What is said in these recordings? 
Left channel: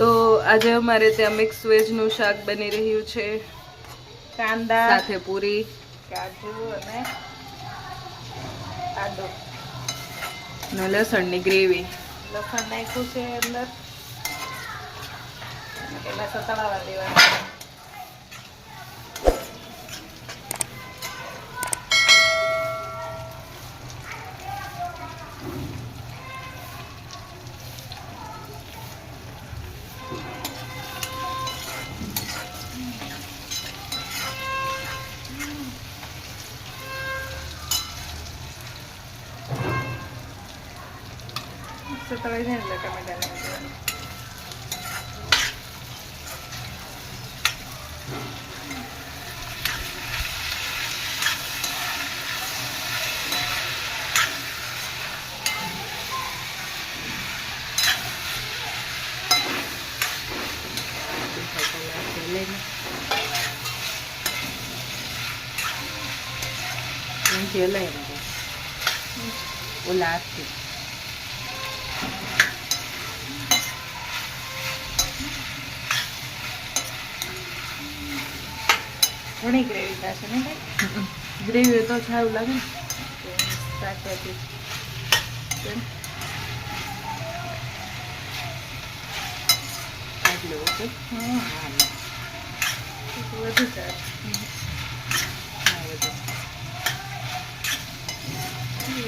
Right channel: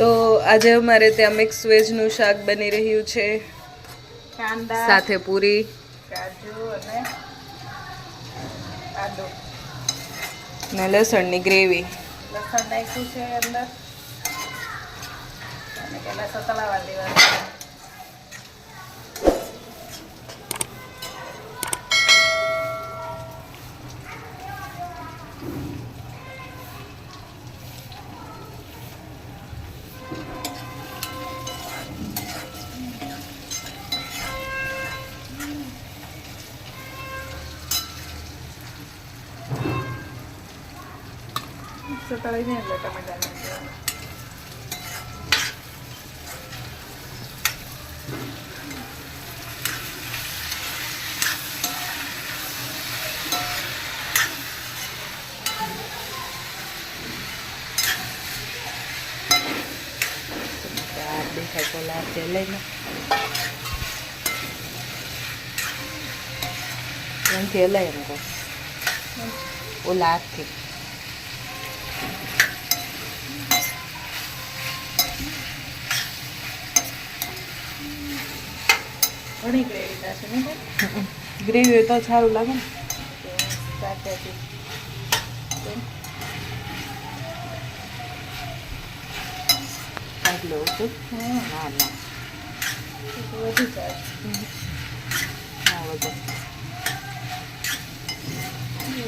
તો આજે અમારે ત્યાં મિક્સ વેજનું શાક બની રહ્યું છે. કાંદા સાથે પૂરી. કાજુ અને આદુ. ને લસણની ગ્રેવી. લસણ નાખ્યું છે અંદર. અને સતળાવા દેવાનું. ಅಷ್ಟು ತೊಳೆದೇನಿಲ್ಲ ಟೊಮೆಟೊನ phải cho là chế lên Yang chế lên rồi. Ô lát thì. ઘણી ગ્રેવી થશે ને? ગ્રેવી તો સારું લાગે ને આટલું ઓકે હા તો વધુ સારું હા વધુ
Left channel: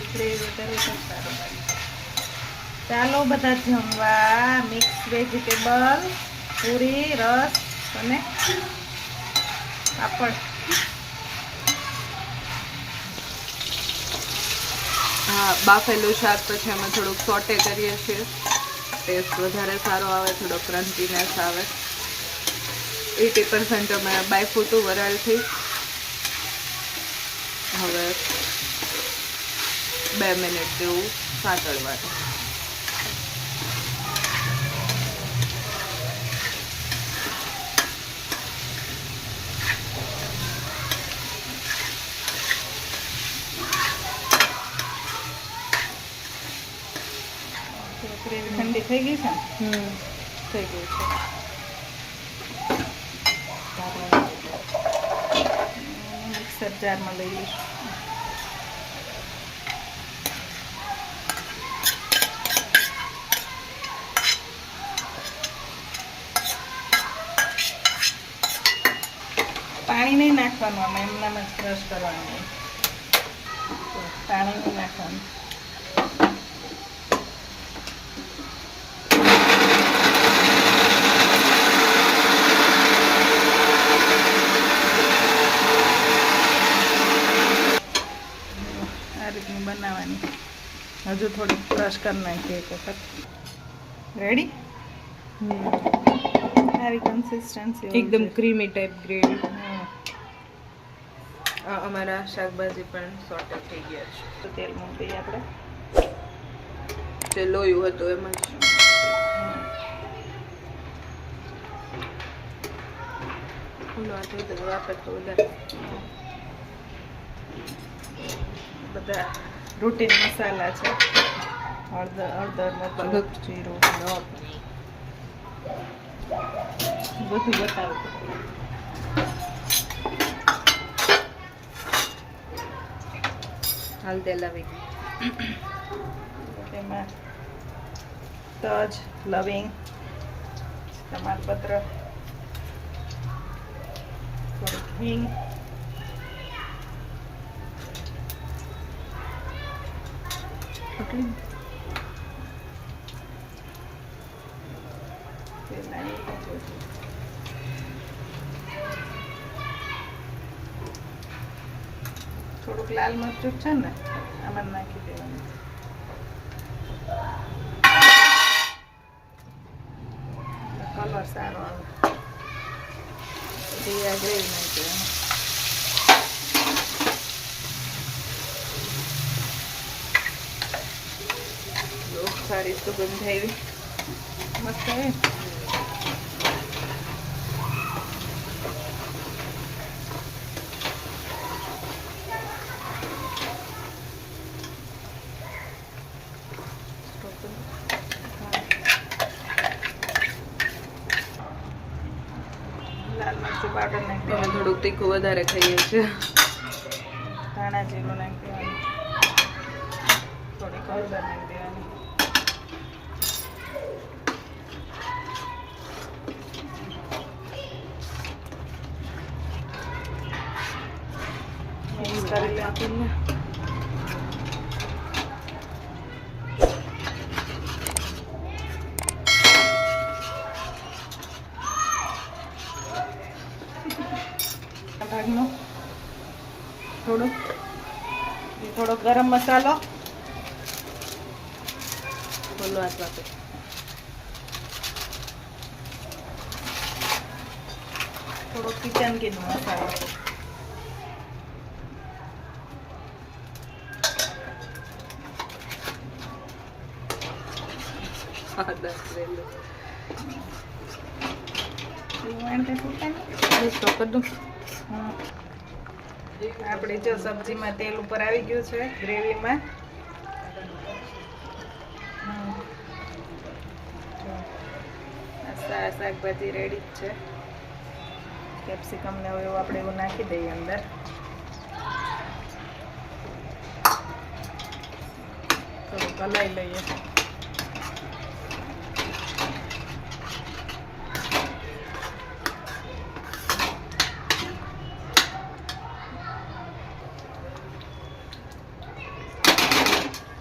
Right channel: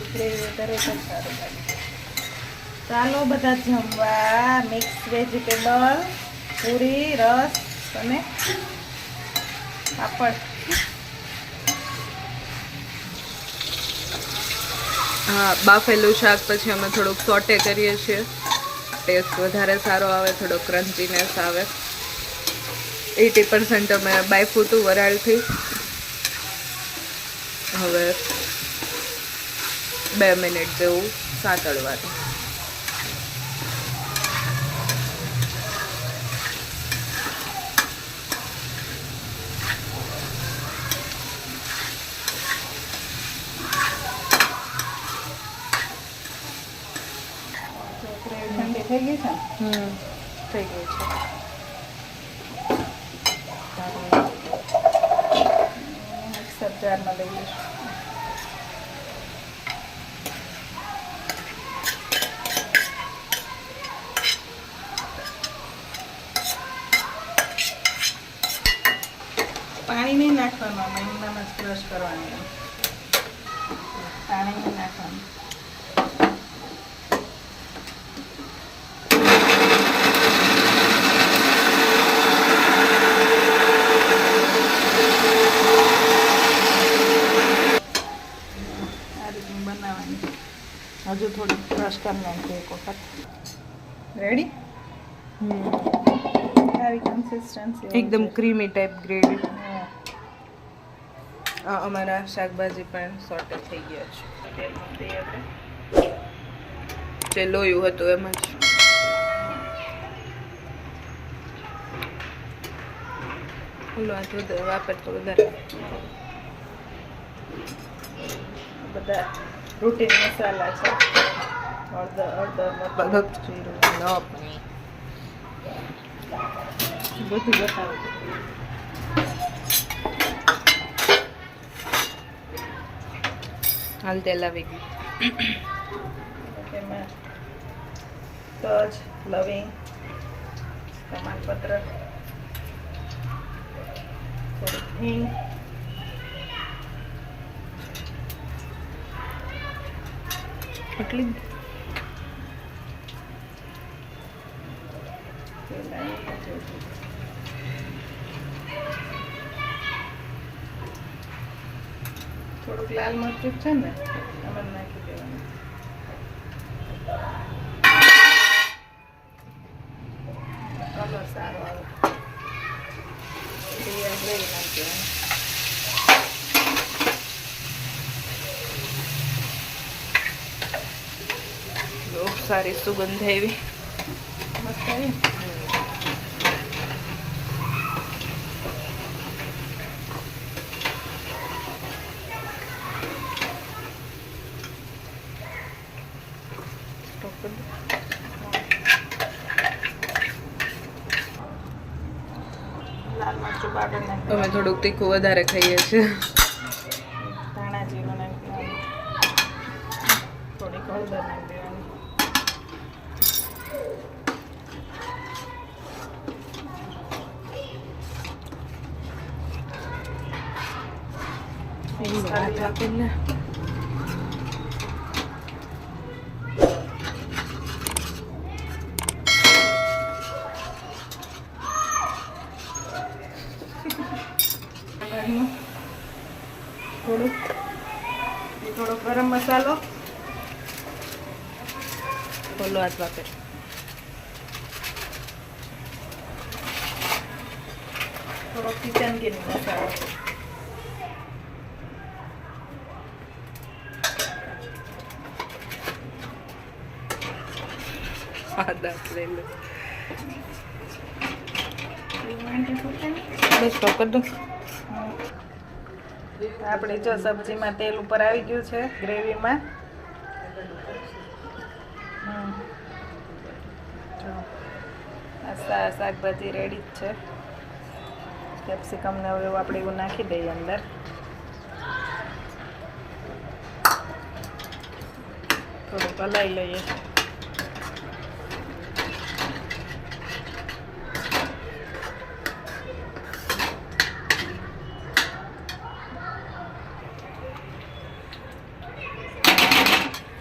ગ્રેવી વધારે સારું લાગે ચાલો બધા જમવા મિક્સ વેજીટેબલ પૂરી રસ અને પાપડ હા, બાફેલું શાક પછી અમે થોડુંક સોટે કરીએ છીએ. ટેસ્ટ વધારે સારો આવે, થોડો ક્રન્ચીનેસ આવે. એટી પર્સન્ટ અમે બાયફૂટું વરાળથી. હવે બે મિનિટ જેવું સાંતળવાનું. ગ્રેવી ઠંડી થઈ ગઈ છે હમ થઈ ગયું છે. મિક્સર જારમાં લઈ લઈશું. પાણી નહીં નાખવાનું આમાં એમનામ જ ક્રશ કરવાનું. પાણી નહીં નાખવાનું. આ રીતનું બનાવવાની. હજુ થોડીક બ્રશ કરી નાખીએ એક વખત. રેડી આવી કન્સિસ્ટન્સી એકદમ ક્રીમી ટાઈપ ગ્રેવી આ અમારા શાકભાજી પણ સોટે થઈ ગયા છે. તેલ મૂકી આપણે. જે લોયું હતું એમ જ. ખુલ્લો દૂધ વાપરતો વધારે. બધા રૂટીન મસાલા છે. હળદર હળદર અલગ જીરું ન પણ બધું બતાવું. હાલ તેલ આવી ગયું તેમાં તજ લવિંગ તમાલપત્ર થોડીક હિંગ એટલી. થોડુંક લાલ મરચું છે ને આમાં નાખી દેવાનું કલર સારો આવે આગળ નાખી. જો સારી સુગંધ આવી મસ્ત દો. અમે થોડુંક તીખું વધારે ખાઈએ છીએ ધાણા જીરું નાખી દેવાનું થોડીક હળદર નાખી દેવાની. આપણને થોડુંક થોડોક ગરમ મસાલો. ખોલવા હાથ થોડોક કિચન કિંગ મસાલો આપણે જો સબ્જીમાં તેલ ઉપર આવી ગયું છે ગ્રેવીમાં. શાકભાજી રેડી જ છે. કેપ્સિકમ ને એવું આપણે એવું નાખી દઈએ અંદર. થોડુંક હલાવી લઈએ.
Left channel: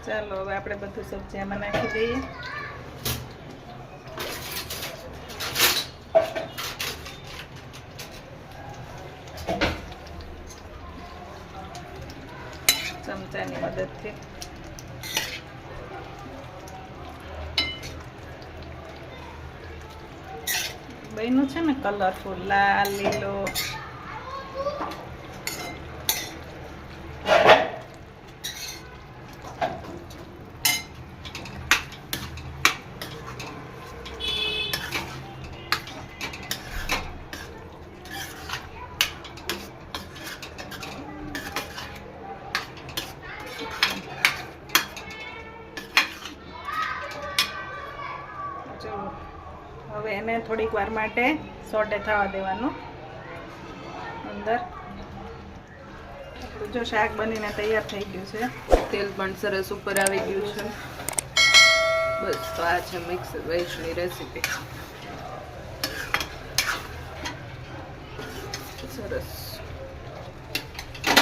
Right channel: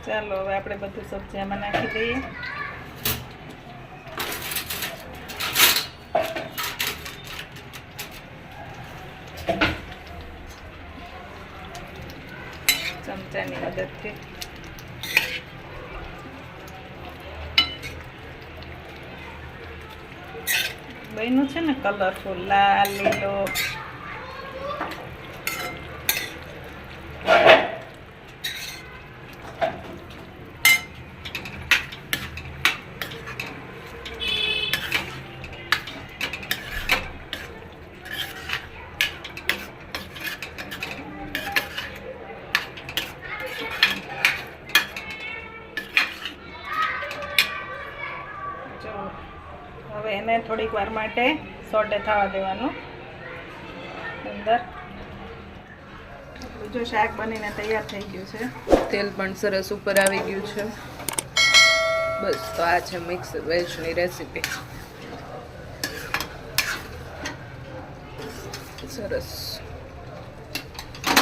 ચાલો, હવે આપણે બધું સબ્જી આમાં નાખી દઈએ. ચમચાની મદદથી બન્યું છે ને કલરફુલ લાલ લીલો જો હવે એને થોડીક વાર માટે સોટે થવા દેવાનું. અંદર. જો શાક બનીને તૈયાર થઈ ગયું છે. તેલ પણ સરસ ઉપર આવી ગયું છે. બસ, તો આ છે મિક્સ વેજની રેસીપી સરસ.